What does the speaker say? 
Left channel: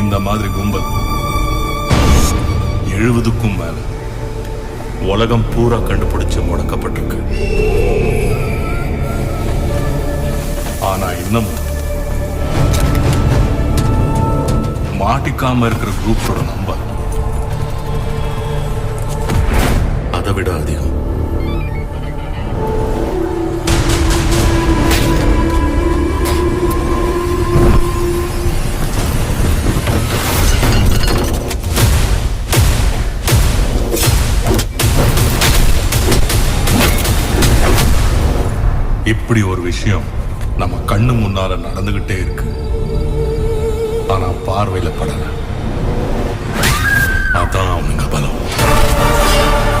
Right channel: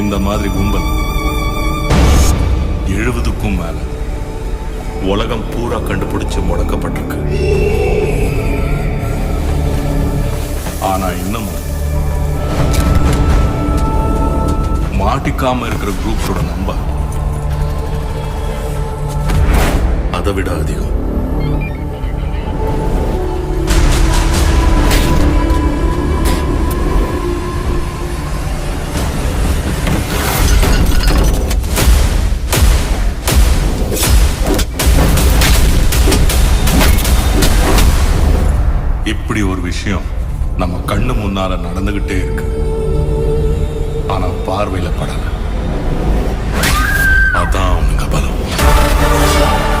இந்த மாதிரி கும்பல் 70க்கும் மேல உலகம் பூரா கண்டுபிடிச்சு முடக்கப்பட்டிருக்கு. ஆனா இன்னமும் மாட்டிக்காம இருக்கிற குரூப்ஸோட நம்பர் அதை விட அதிகம். இப்படி ஒரு விஷயம் நம்ம கண்ணு முன்னால நடந்துகிட்டே இருக்கு. ஆனா பார்வையில படல. அதான்